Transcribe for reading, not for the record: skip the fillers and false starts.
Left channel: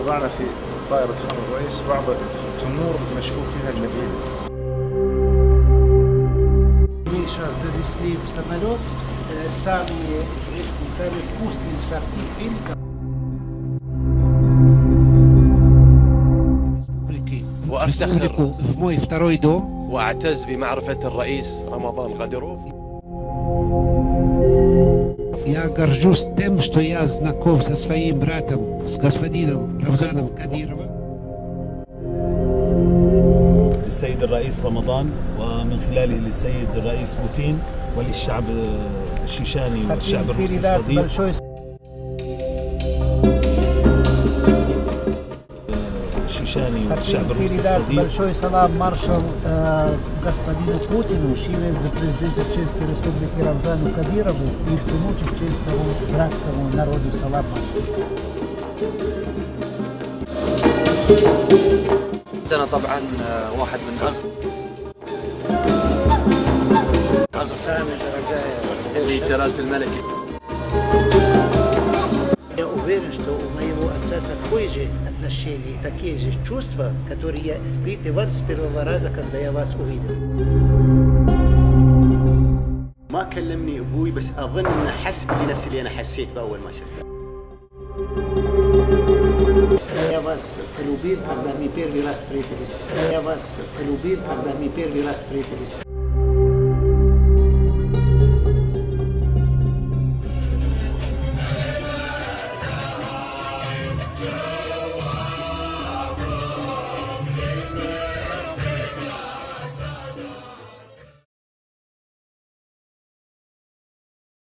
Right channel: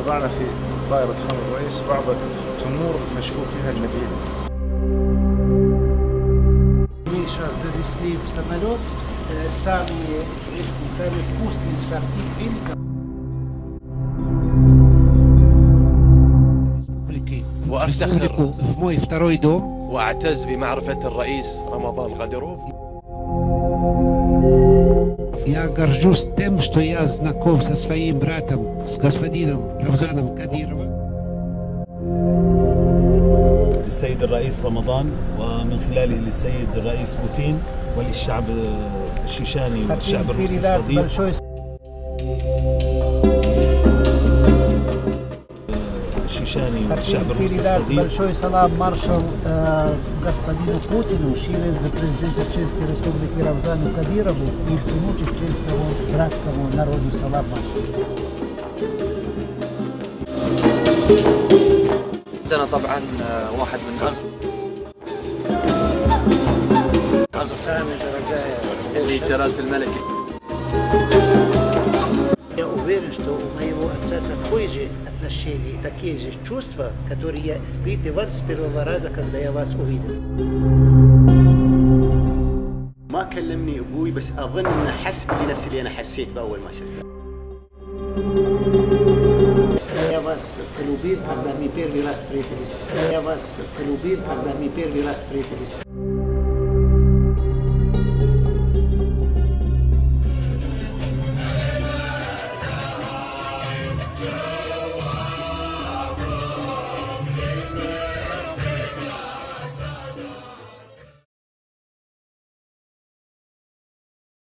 وضعنا في طائرة خان الرئيس بعض التمور مشكوك فيها المدينة. Сейчас завезли в самолет, самые известные, самые вкусные сорты фиников республики. وأفتخر в мой второй дом. وأعتز بمعرفة الرئيس رمضان غديروف. Я горжусь тем, что я знаком со своим братом, с господином Рамзаном Кадировым. للسيد الرئيس رمضان ومن خلاله للسيد الرئيس بوتين وللشعب الشيشاني والشعب الروسي الصديق. الشيشاني والشعب الروسي الصديق. Большой салам маршал господину Путину через президента Чеченской Республики Рамзану Кадирову и всему чеченскому братскому народу салам маршал. عندنا طبعا واحد من أغنى جلالة الملك. Я уверен, что у моего отца такое же отношение, такие же чувства, которые я испытывал с первого раза, когда я вас увидел. ما كلمني أبوي بس أظن إنه حس بنفس اللي أنا حسيت بأول ما شفته. Я вас полюбил, когда мы первый раз встретились. Я вас полюбил, когда мы первый раз встретились.